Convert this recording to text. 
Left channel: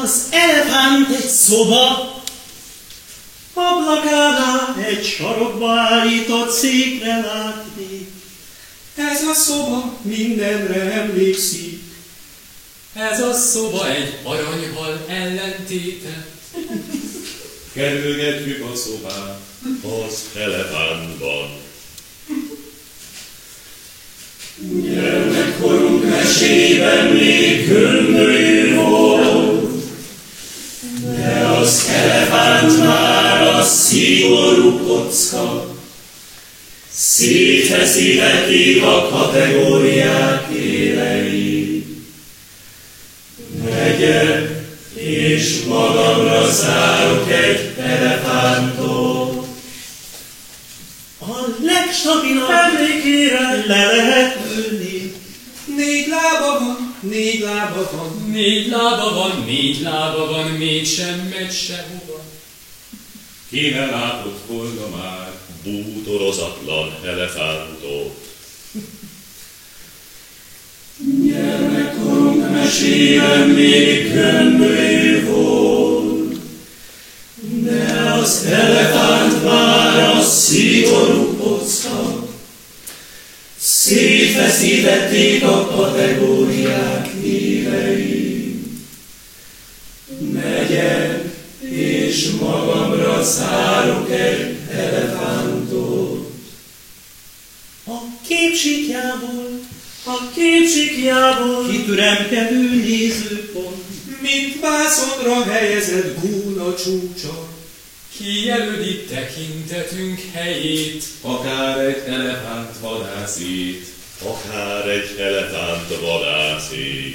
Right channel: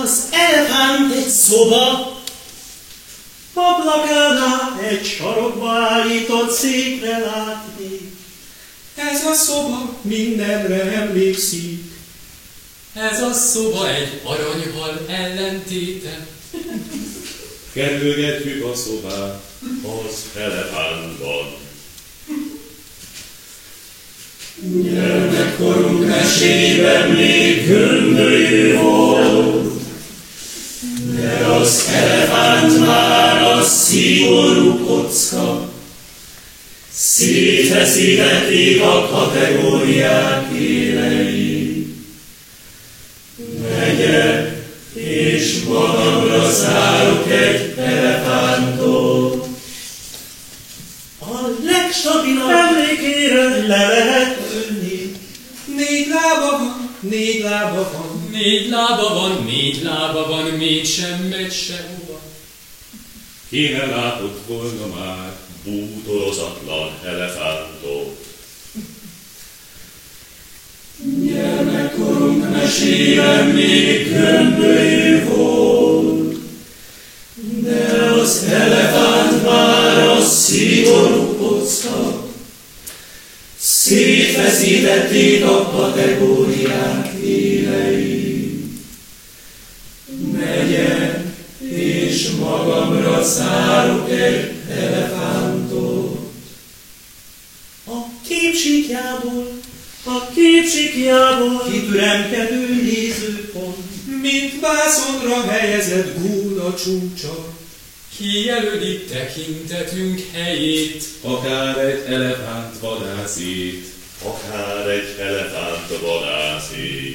Az elefánt egy szoba, padlagánál egy sarokba állított székre látni. Ez a szoba mindenre emlékszik. Ez a szoba egy aranyhal ellentéte. Kerülgetjük a szobát az elefántban. Gyermekkorunk mesében még gömbölyű volt, de az elefántnál a szigorú kocka. Szétfeszítették a kategóriák élei. Megyek, és magamra szállok egy elefántot. A legstabilabb emlékére le lehet ülni. Négy lába van, mégsem megy sehova. Ki ne látott volna már bútorozatlan elefántot. Gyermekkorunk mesében még gömbölyű volt, de az elefántnál a szigorú kocka. Szétfeszítették a kategóriák évei. Megyek, és magamra szállok egy elefántot. A kétségjából kipüremkedő nézőpont, mint vászonra helyezett gúla csúcsa. Kijelöli tekintetünk helyét, akár egy elefánt vadászét, akár egy elefánt vadászét.